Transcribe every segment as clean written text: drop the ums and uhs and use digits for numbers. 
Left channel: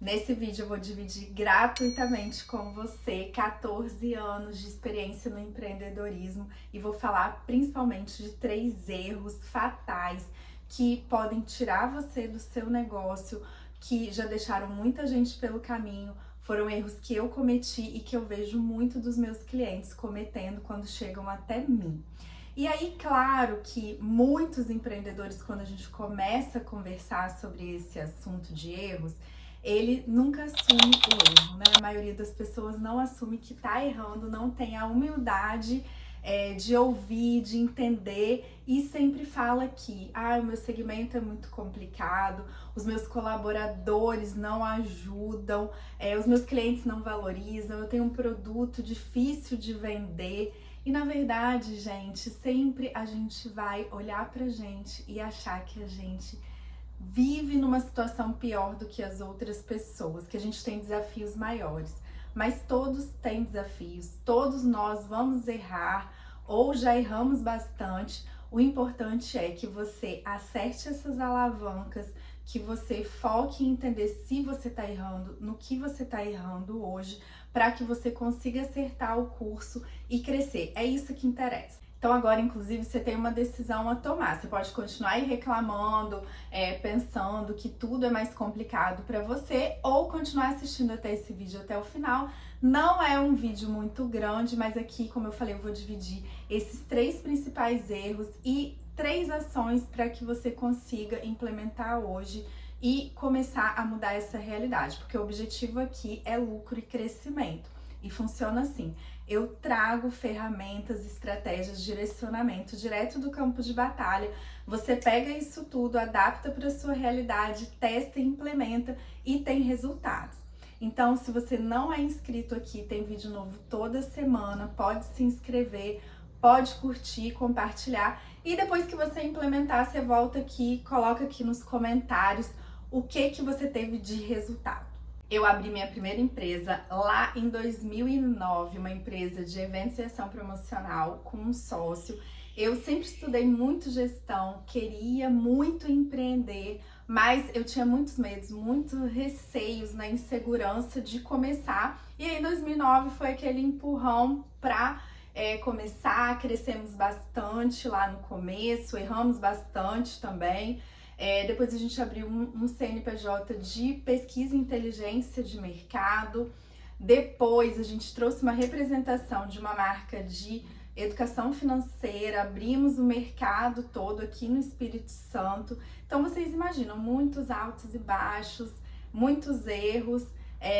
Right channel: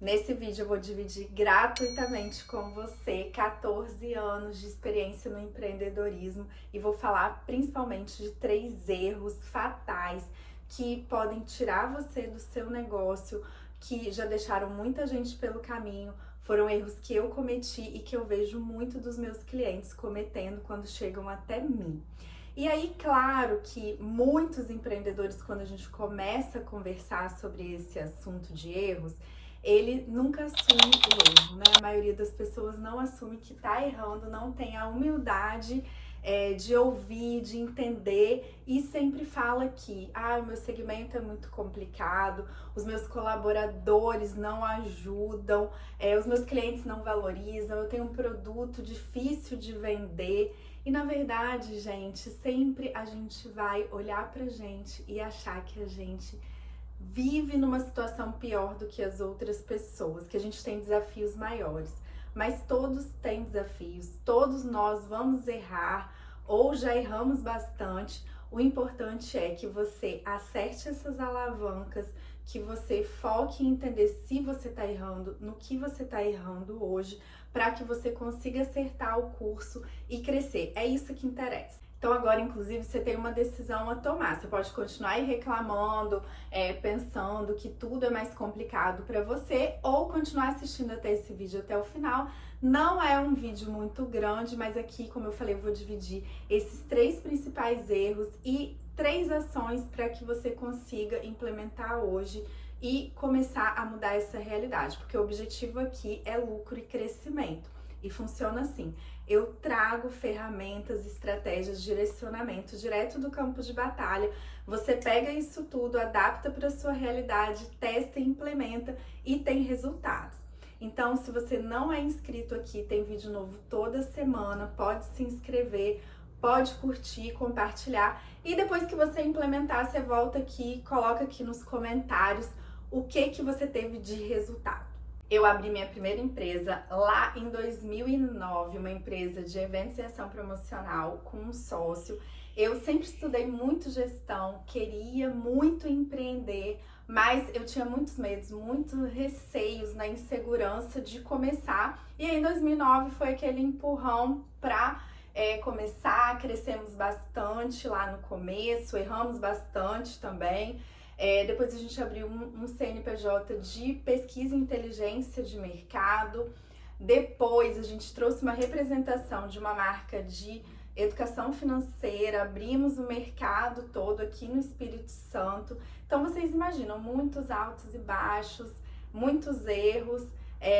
Nesse vídeo eu vou dividir gratuitamente com você 14 anos de experiência no empreendedorismo e vou falar principalmente de 3 erros fatais que podem tirar você do seu negócio, que já deixaram muita gente pelo caminho. Foram erros que eu cometi e que eu vejo muito dos meus clientes cometendo quando chegam até mim. E aí, claro que muitos empreendedores, quando a gente começa a conversar sobre esse assunto de erros, ele nunca assume o erro, né? A maioria das pessoas não assume que tá errando, não tem a humildade de ouvir, de entender e sempre fala que o meu segmento é muito complicado, os meus colaboradores não ajudam, os meus clientes não valorizam, eu tenho um produto difícil de vender. E na verdade, gente, sempre a gente vai olhar pra gente e achar que a gente vive numa situação pior do que as outras pessoas, que a gente tem desafios maiores. Mas todos têm desafios, todos nós vamos errar ou já erramos bastante. O importante é que você acerte essas alavancas, que você foque em entender se você está errando, no que você está errando hoje, para que você consiga acertar o curso e crescer. É isso que interessa. Então agora, inclusive, você tem uma decisão a tomar. Você pode continuar aí reclamando, pensando que tudo é mais complicado para você, ou continuar assistindo até esse vídeo até o final. Não é um vídeo muito grande, mas aqui, como eu falei, eu vou dividir esses 3 principais erros e 3 ações para que você consiga implementar hoje e começar a mudar essa realidade, porque o objetivo aqui é lucro e crescimento. E funciona assim: eu trago ferramentas, estratégias, direcionamento direto do campo de batalha. Você pega isso tudo, adapta para sua realidade, testa e implementa e tem resultados. Então, se você não é inscrito aqui, tem vídeo novo toda semana, pode se inscrever, pode curtir, compartilhar. E depois que você implementar, você volta aqui, coloca aqui nos comentários o que você teve de resultado. Eu abri minha primeira empresa lá em 2009, uma empresa de eventos e ação promocional com um sócio. Eu sempre estudei muito gestão, queria muito empreender, mas eu tinha muitos medos, muitos receios, na insegurança de começar. E aí em 2009 foi aquele empurrão para começar, crescemos bastante lá no começo, erramos bastante também. Depois a gente abriu um CNPJ de pesquisa e inteligência de mercado. Depois a gente trouxe uma representação de uma marca de educação financeira, abrimos o mercado todo aqui no Espírito Santo. Então vocês imaginam, muitos altos e baixos, muitos erros.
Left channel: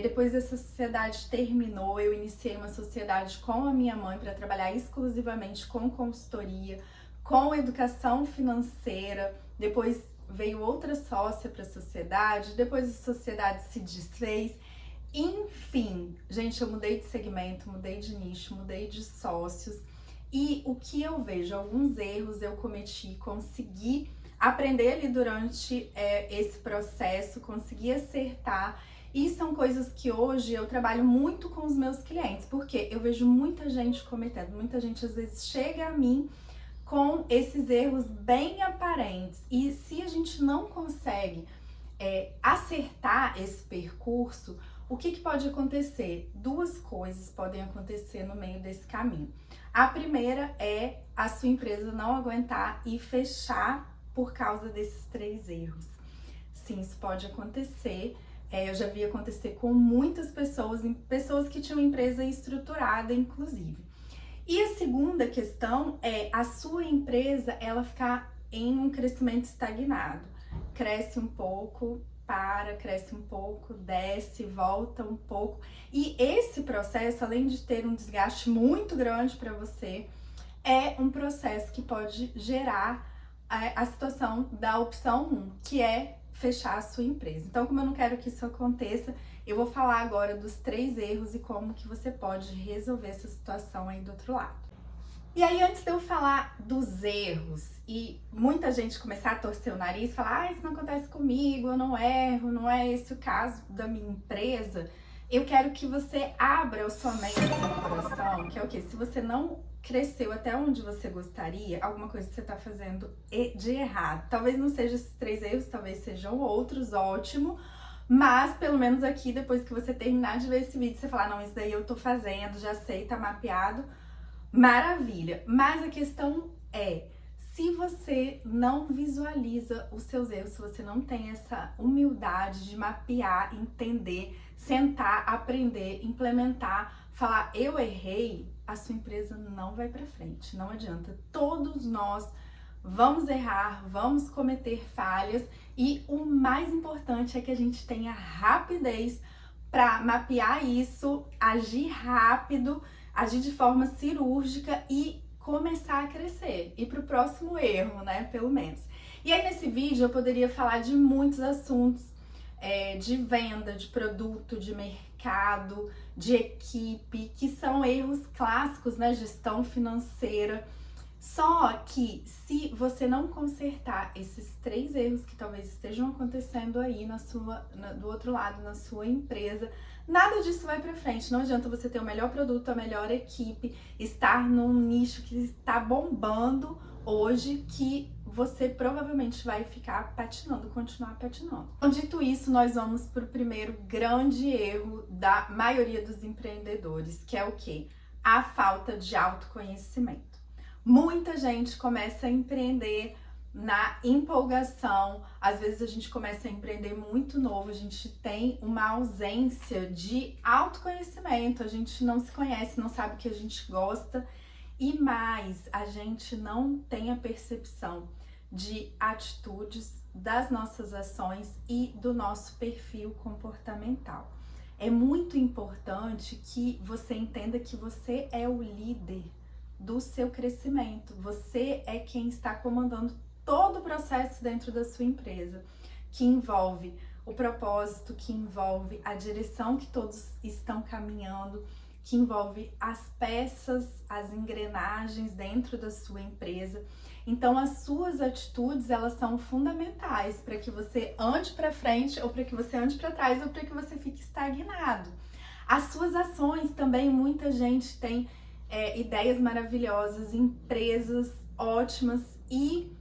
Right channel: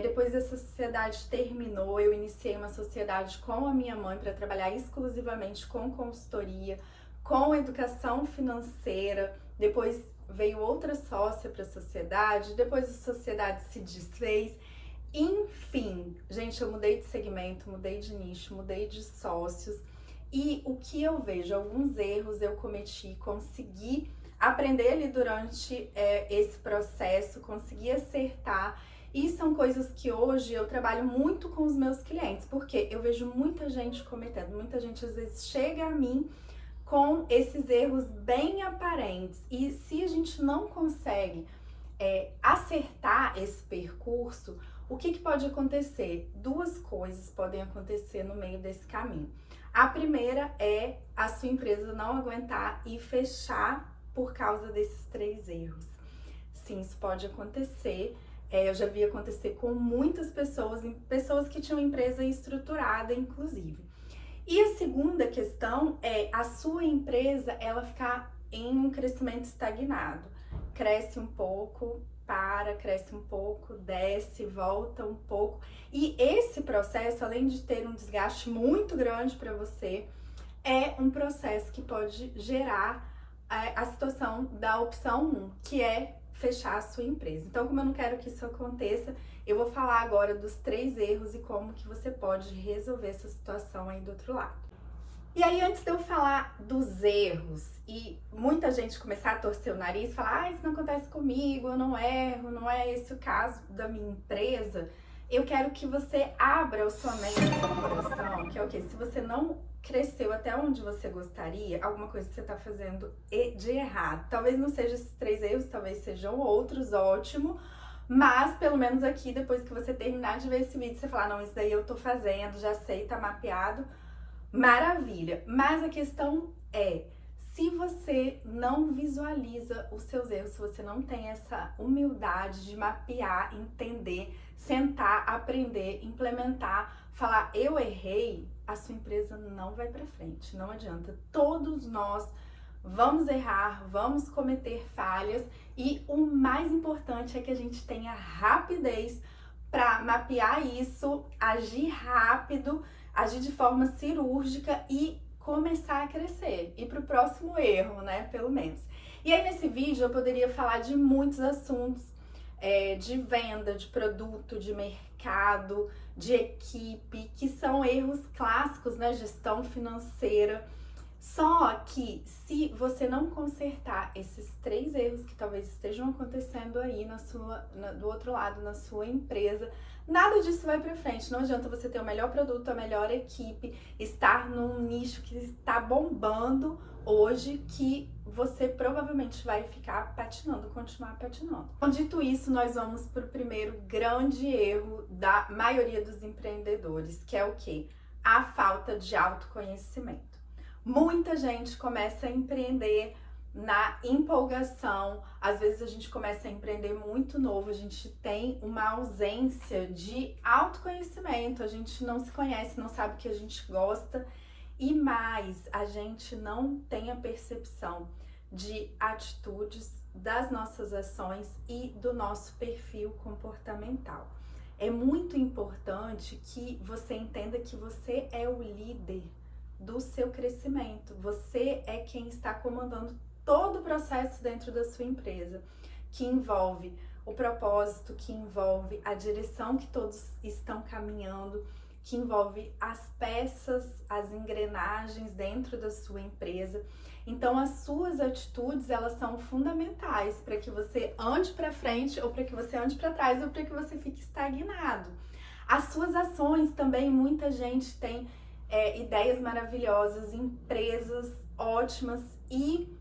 Depois essa sociedade terminou, eu iniciei uma sociedade com a minha mãe para trabalhar exclusivamente com consultoria, com educação financeira. Depois veio outra sócia para a sociedade, depois a sociedade se desfez. Enfim, gente, eu mudei de segmento, mudei de nicho, mudei de sócios. E o que eu vejo, alguns erros eu cometi, consegui aprender ali durante esse processo, consegui acertar. E são coisas que hoje eu trabalho muito com os meus clientes, porque eu vejo muita gente cometendo, muita gente às vezes chega a mim com esses erros bem aparentes. E se a gente não consegue acertar esse percurso, o que pode acontecer? 2 coisas podem acontecer no meio desse caminho. A primeira é a sua empresa não aguentar e fechar por causa desses 3 erros. Sim, isso pode acontecer. Eu já vi acontecer com muitas pessoas, pessoas que tinham empresa estruturada, inclusive. E a segunda questão é a sua empresa ela ficar em um crescimento estagnado. Cresce um pouco, para, cresce um pouco, desce, volta um pouco. E esse processo, além de ter um desgaste muito grande para você, é um processo que pode gerar a situação da opção 1, que é fechar a sua empresa. Então, como eu não quero que isso aconteça, eu vou falar agora dos 3 erros e como que você pode resolver essa situação aí do outro lado. E aí, antes de eu falar dos erros e muita gente começar a torcer o nariz e falar, isso não acontece comigo, eu não erro, não é esse o caso da minha empresa, eu quero que você abra a sua mente e o seu coração, que é o quê? Se você não cresceu até onde você gostaria, alguma coisa que você está fazendo de errado. Talvez não seja esses 3 erros, talvez sejam outros, ótimo. Mas, pelo menos aqui, depois que você terminar de ver esse vídeo, você falar, não, isso daí eu tô fazendo, já sei, tá mapeado, maravilha. Mas a questão é, se você não visualiza os seus erros, se você não tem essa humildade de mapear, entender, sentar, aprender, implementar, falar eu errei, a sua empresa não vai para frente, não adianta. Todos nós vamos errar, vamos cometer falhas e o mais importante é que a gente tenha rapidez para mapear isso, agir rápido, agir de forma cirúrgica e começar a crescer, ir para o próximo erro, né, pelo menos. E aí nesse vídeo eu poderia falar de muitos assuntos, de venda, de produto, de mercado, de equipe, que são erros clássicos, né, gestão financeira. Só que se você não consertar esses 3 erros que talvez estejam acontecendo aí do outro lado, na sua empresa, nada disso vai pra frente. Não adianta você ter o melhor produto, a melhor equipe, estar num nicho que está bombando hoje, que você provavelmente vai ficar patinando, continuar patinando. Então, dito isso, nós vamos pro primeiro grande erro da maioria dos empreendedores, que é o quê? A falta de autoconhecimento. Muita gente começa a empreender na empolgação, às vezes a gente começa a empreender muito novo, a gente tem uma ausência de autoconhecimento, a gente não se conhece, não sabe o que a gente gosta e mais, a gente não tem a percepção de atitudes, das nossas ações e do nosso perfil comportamental. É muito importante que você entenda que você é o líder do seu crescimento. Você é quem está comandando todo o processo dentro da sua empresa, que envolve o propósito, que envolve a direção que todos estão caminhando, que envolve as peças, as engrenagens dentro da sua empresa. Então, as suas atitudes, elas são fundamentais para que você ande para frente, ou para que você ande para trás, ou para que você fique estagnado. As suas ações também, muita gente tem ideias maravilhosas, empresas ótimas e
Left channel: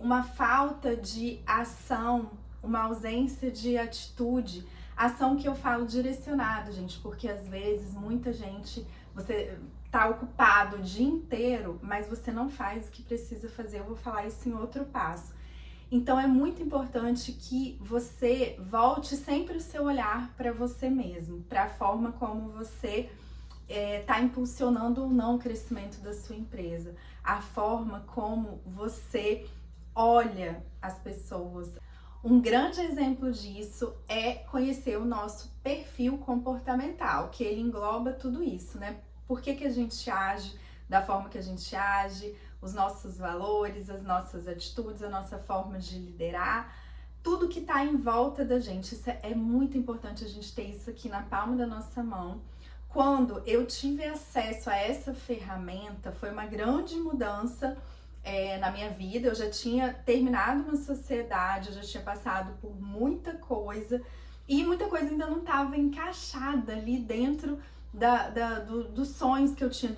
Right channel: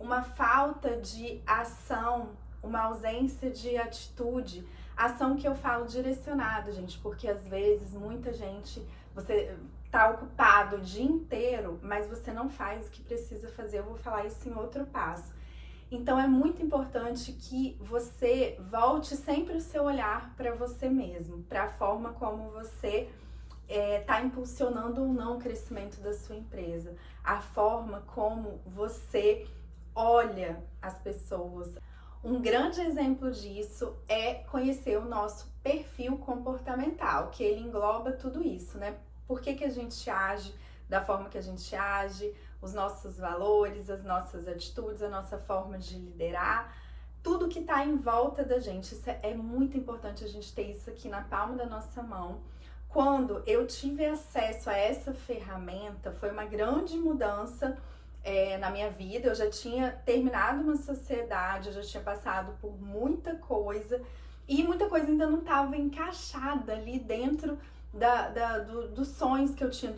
uma falta de ação, uma ausência de atitude. Ação que eu falo direcionada, gente, porque às vezes muita gente, você tá ocupado o dia inteiro, mas você não faz o que precisa fazer. Eu vou falar isso em outro passo. Então é muito importante que você volte sempre o seu olhar para você mesmo, para a forma como você está impulsionando ou não o crescimento da sua empresa, a forma como você olha as pessoas. Um grande exemplo disso é conhecer o nosso perfil comportamental, que ele engloba tudo isso, né? Por que a gente age da forma que a gente age, os nossos valores, as nossas atitudes, a nossa forma de liderar, tudo que está em volta da gente. Isso é muito importante a gente ter isso aqui na palma da nossa mão. Quando eu tive acesso a essa ferramenta, foi uma grande mudança na minha vida. Eu já tinha terminado uma sociedade, eu já tinha passado por muita coisa e muita coisa ainda não estava encaixada ali dentro dos sonhos que eu tinha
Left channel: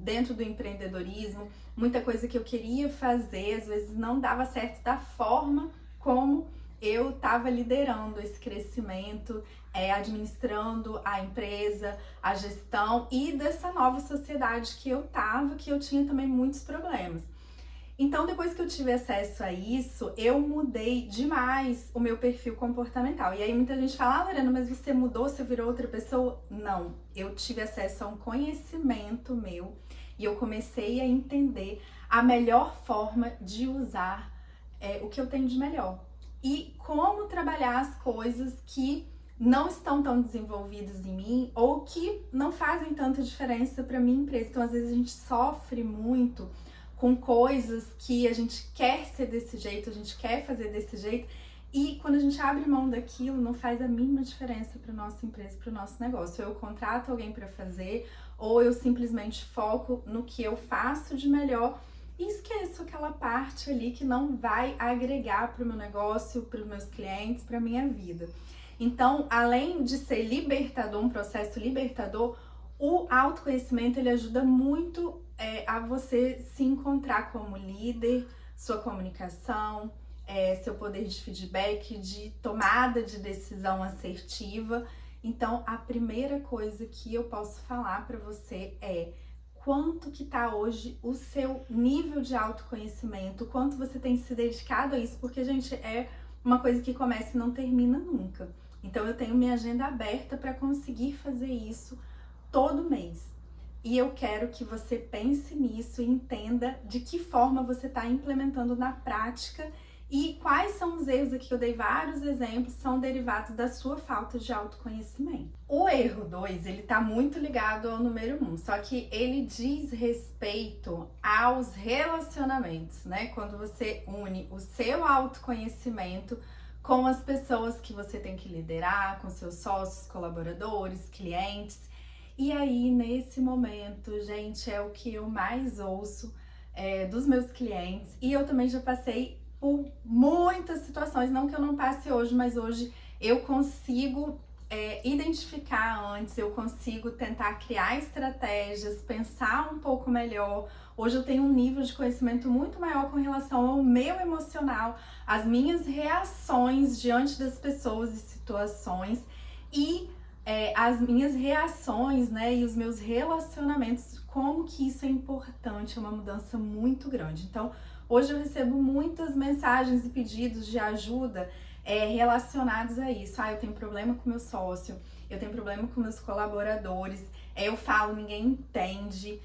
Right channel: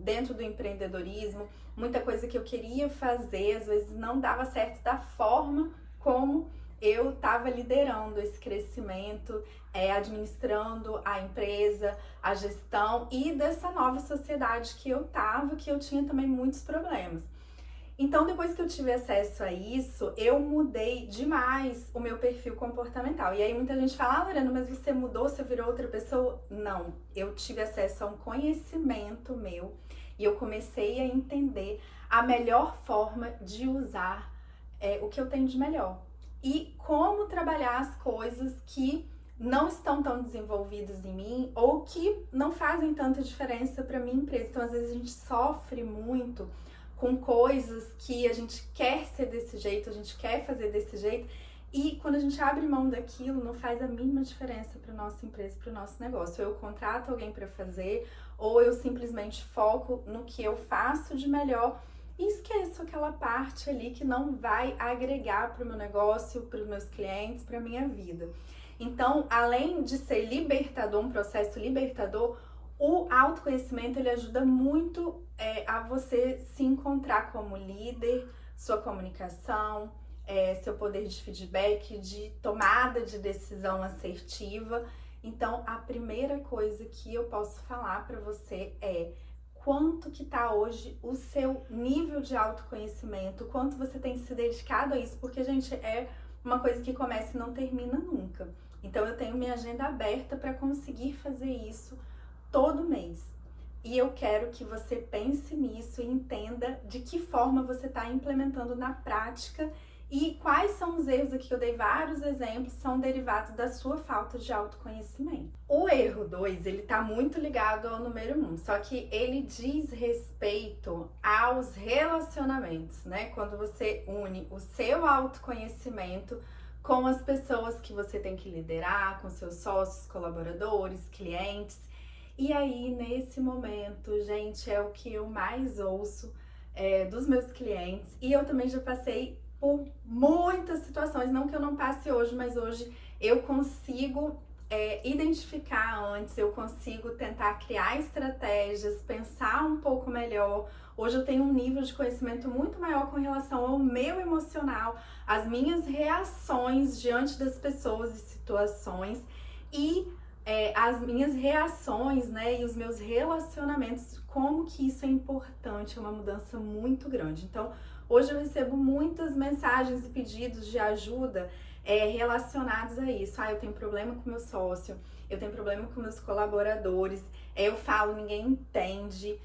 dentro do empreendedorismo. Muita coisa que eu queria fazer, às vezes não dava certo da forma como eu estava liderando esse crescimento, administrando a empresa, a gestão e dessa nova sociedade que eu tinha também muitos problemas. Então, depois que eu tive acesso a isso, eu mudei demais o meu perfil comportamental. E aí muita gente fala, Lorena, mas você mudou, você virou outra pessoa? Não, eu tive acesso a um conhecimento meu e eu comecei a entender a melhor forma de usar o que eu tenho de melhor. E como trabalhar as coisas que não estão tão desenvolvidas em mim ou que não fazem tanta diferença para minha empresa. Então, às vezes, a gente sofre muito com coisas que a gente quer ser desse jeito, a gente quer fazer desse jeito, e quando a gente abre mão daquilo, não faz a mínima diferença para nossa empresa, para o nosso negócio. Eu contrato alguém para fazer, ou eu simplesmente foco no que eu faço de melhor e esqueço aquela parte ali que não vai agregar para o meu negócio, para os meus clientes, para a minha vida. Então, além de ser libertador, um processo libertador, o autoconhecimento ele ajuda muito a você se encontrar como líder, sua comunicação, seu poder de feedback, de tomada de decisão assertiva. Então, a primeira coisa que eu posso falar para você é quanto que tá hoje o seu nível de autoconhecimento, quanto você tem se dedicado a isso, porque, gente, é uma coisa que começa e não termina nunca. Então, eu tenho minha agenda aberta para conseguir fazer isso todo mês. E eu quero que você pense nisso e entenda de que forma você está implementando na prática e quais são os erros aqui que eu dei vários exemplos, são derivados da sua falta de autoconhecimento. O erro 2, ele tá muito ligado ao número 1, só que ele diz respeito aos relacionamentos, né? Quando você une o seu autoconhecimento com as pessoas que você tem que liderar, com seus sócios, colaboradores, clientes. E aí, nesse momento, gente, é o que eu mais ouço dos meus clientes. E eu também já passei por muitas situações, não que eu não passe hoje, mas hoje eu consigo identificar antes, eu consigo tentar criar estratégias, pensar um pouco melhor. Hoje eu tenho um nível de conhecimento muito maior com relação ao meu emocional, as minhas reações diante das pessoas e situações e as minhas reações, né, e os meus relacionamentos, como que isso é importante, é uma mudança muito grande. Então, hoje eu recebo muitas mensagens e pedidos de ajuda relacionados a isso. Eu tenho problema com meu sócio, eu tenho problema com meus colaboradores, eu falo, ninguém entende,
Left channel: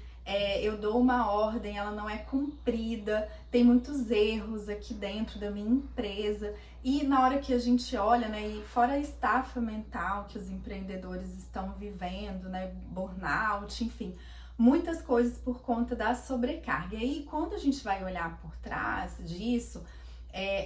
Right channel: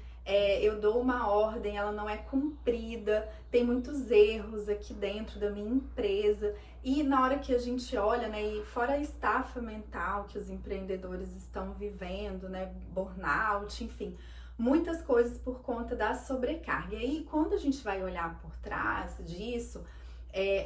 eu dou uma ordem, ela não é cumprida, tem muitos erros aqui dentro da minha empresa. E na hora que a gente olha, né, e fora a estafa mental que os empreendedores estão vivendo, né, burnout, enfim, muitas coisas por conta da sobrecarga. E aí, quando a gente vai olhar por trás disso,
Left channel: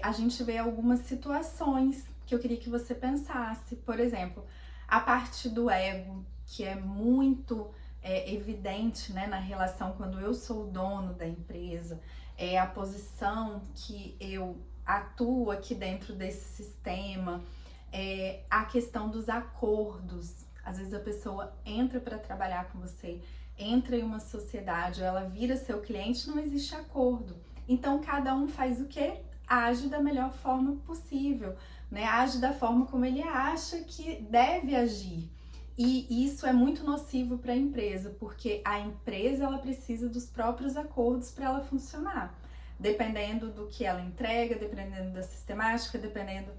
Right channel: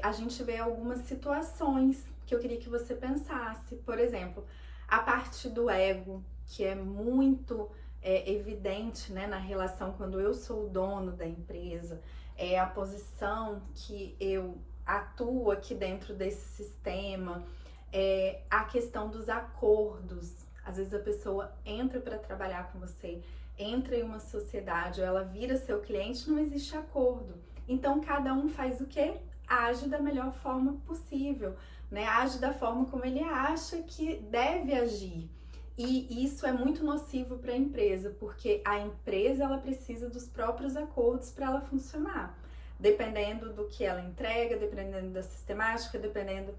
a gente vê algumas situações que eu queria que você pensasse. Por exemplo, a parte do ego, que é muito evidente, né, na relação quando eu sou o dono da empresa, a posição que eu atuo aqui dentro desse sistema, a questão dos acordos. Às vezes a pessoa entra para trabalhar com você, entra em uma sociedade, ela vira seu cliente, não existe acordo. Então cada um faz o quê? Age da melhor forma possível, né? Age da forma como ele acha que deve agir. E isso é muito nocivo para a empresa, porque a empresa ela precisa dos próprios acordos para ela funcionar. Dependendo do que ela entrega, dependendo da sistemática, dependendo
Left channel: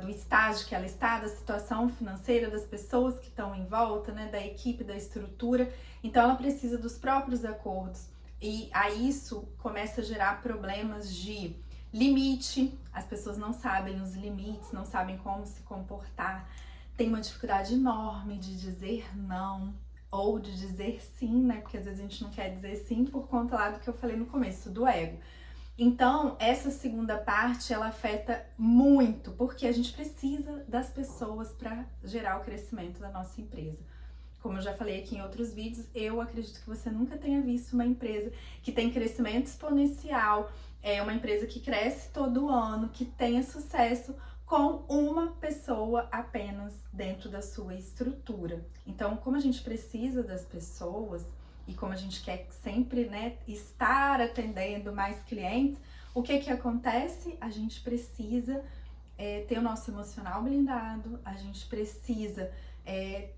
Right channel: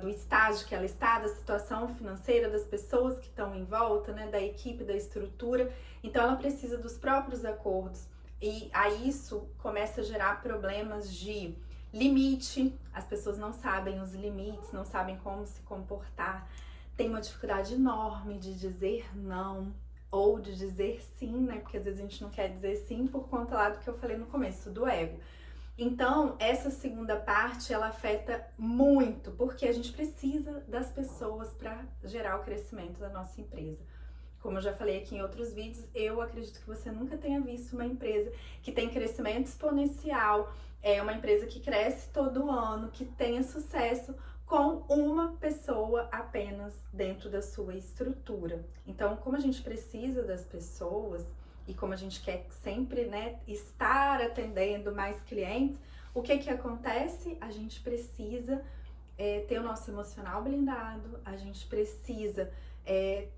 do estágio que ela está, da situação financeira das pessoas que estão em volta, né, da equipe, da estrutura. Então ela precisa dos próprios acordos e aí isso começa a gerar problemas de limite. As pessoas não sabem os limites, não sabem como se comportar, tem uma dificuldade enorme de dizer não ou de dizer sim, né, porque às vezes a gente não quer dizer sim por conta lá do que eu falei no começo, do ego. Então, essa segunda parte, ela afeta muito, porque a gente precisa das pessoas para gerar o crescimento da nossa empresa. Como eu já falei aqui em outros vídeos, eu acredito que você nunca tenha visto uma empresa que tem crescimento exponencial, uma empresa que cresce todo ano, que tenha sucesso com uma pessoa apenas dentro da sua estrutura. Então, como a gente precisa das pessoas, e como a gente quer sempre, né, estar atendendo mais clientes, o que acontece? A gente precisa ter o nosso emocional blindado, a gente precisa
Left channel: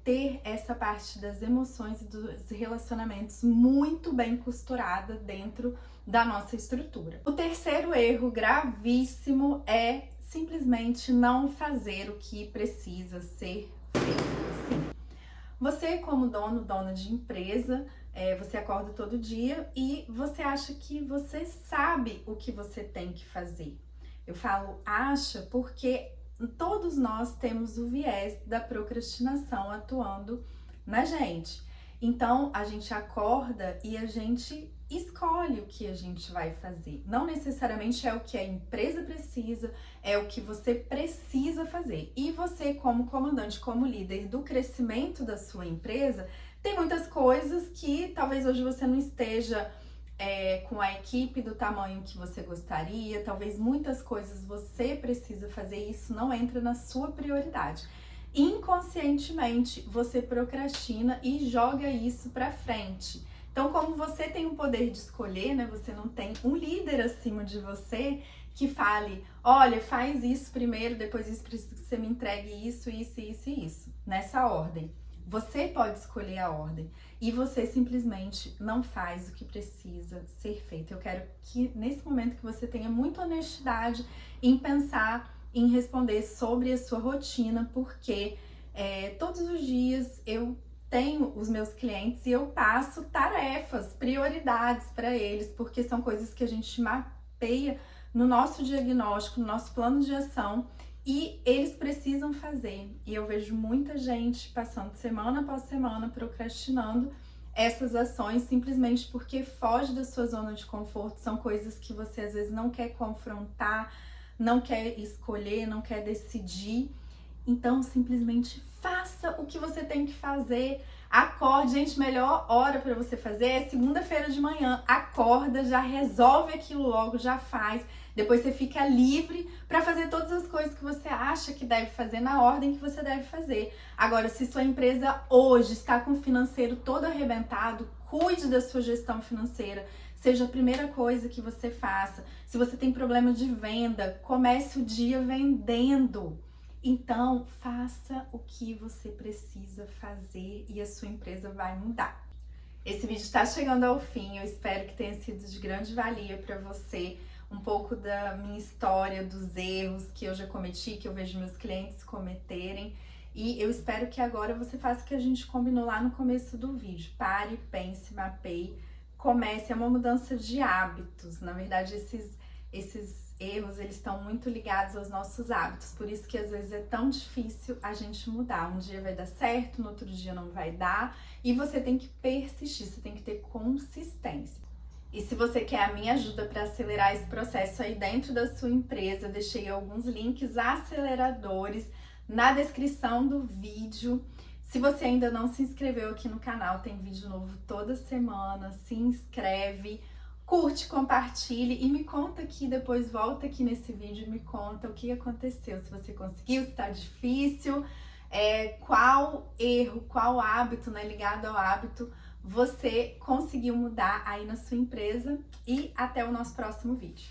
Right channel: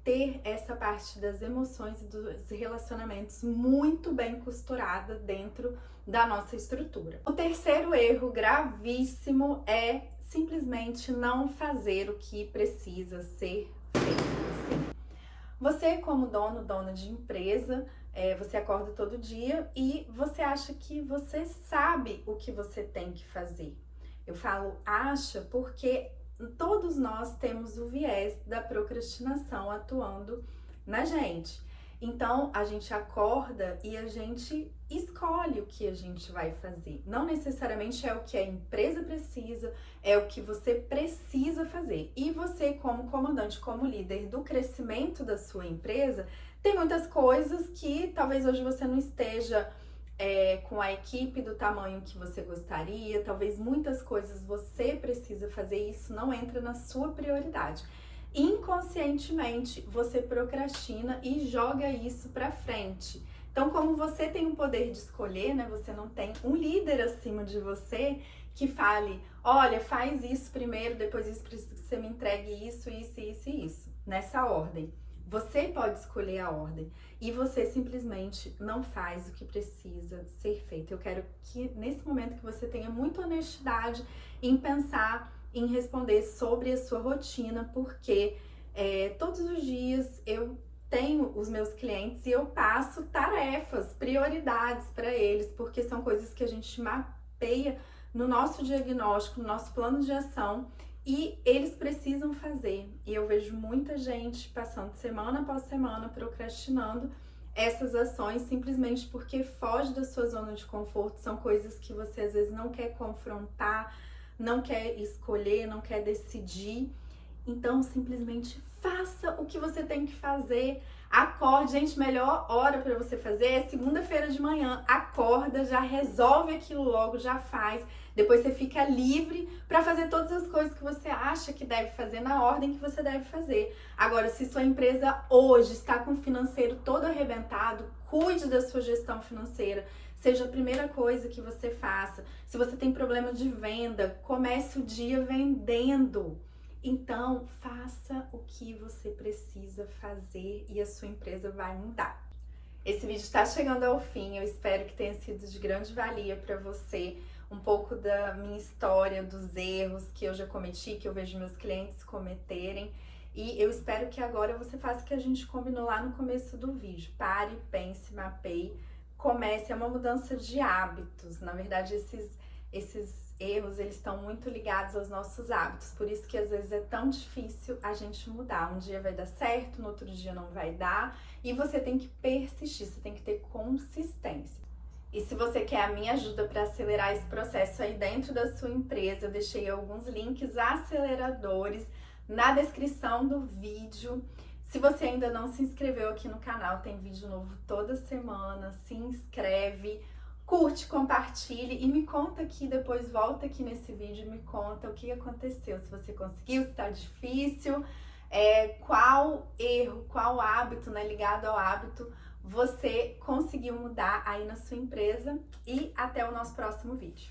ter essa parte das emoções e dos relacionamentos muito bem costurada dentro da nossa estrutura. O terceiro erro gravíssimo é simplesmente não fazer o que precisa ser feito. Sim. Você, como dono, dona de empresa, você acorda todo dia e você acha que você sabe o que você tem que fazer. Eu falo acha porque todos nós temos o viés da procrastinação atuando na gente. Então, a gente acorda e a gente escolhe o que a gente vai fazer. Não necessariamente é o que a empresa precisa, é o que você precisa fazer. E você, como comandante, como líder do crescimento da sua empresa, tem muitas coisas que talvez hoje você não esteja com a equipe do tamanho que você gostaria, talvez muitas coisas você precisa fazer e isso não entra na sua prioridade. Inconscientemente, você procrastina e joga isso para frente. Então, como você tem um poder de escolher, né? Você não tem um líder acima de você que fale, olha, faz isso primeiro, depois isso, preciso que você me entregue isso, isso, isso e isso, nessa ordem. Você pode escolher a ordem e você simplesmente não faz o que precisa ser feito. Eu quero que nesse momento que você tenha muita honestidade em pensar, em responder sobre a sua rotina, porque todos os dias eu tenho os meus clientes e eu passo tarefas, prioridades para eles, porque são coisas que a gente mapeia no nosso diagnóstico, no nosso plano de ação, e eles precisam fazer. E eu vejo muita gente passando semana após semana procrastinando essas ações simplesmente porque foge da sua zona de conforto. São coisas que você às vezes não quer confrontar, não quer escolher, não quer decidir. Então, simplesmente faça o que você tem que fazer. Acorde, gente, melhor hora para você fazer é segunda-feira de manhã. Acorda, já resolve aquilo logo, já faz. Depois você fica livre para fazer todas as coisas que você acha que deve fazer na ordem que você deve fazer. Agora, se sua empresa hoje está com o financeiro todo arrebentado, cuide da sua gestão financeira. Seja a primeira coisa que você faça. Se você tem problema de venda, comece o dia vendendo. Então, faça o que você precisa fazer e a sua empresa vai mudar. Esse vídeo está chegando ao fim, eu espero que tenha sido de grande valia para você, um pouco da minha história, dos erros que eu já cometi, que eu vejo meus clientes cometerem, e eu espero que agora você faça o que a gente combinou lá no começo do vídeo. Pare, pense, mapeie, comece, é uma mudança de hábitos. Na verdade, esses erros, eles estão muito ligados aos nossos hábitos, por isso que às vezes é tão difícil a gente mudar. Um dia vai dar certo, no outro dia não vai dar, e você tem que persistir, você tem que ter consistência. E se você quer a minha ajuda para acelerar esse processo aí dentro da sua empresa, eu deixei alguns links aceleradores na descrição do vídeo. Se você ainda não se inscreveu aqui no canal, tem vídeo novo toda semana, se inscreve, curte, compartilhe e me conta aqui depois, volta aqui nesse vídeo e me conta o que aconteceu, se você conseguiu, se tá difícil, qual erro, qual hábito, né, ligado ao hábito, você conseguiu mudar aí na sua empresa, e até o nosso próximo vídeo.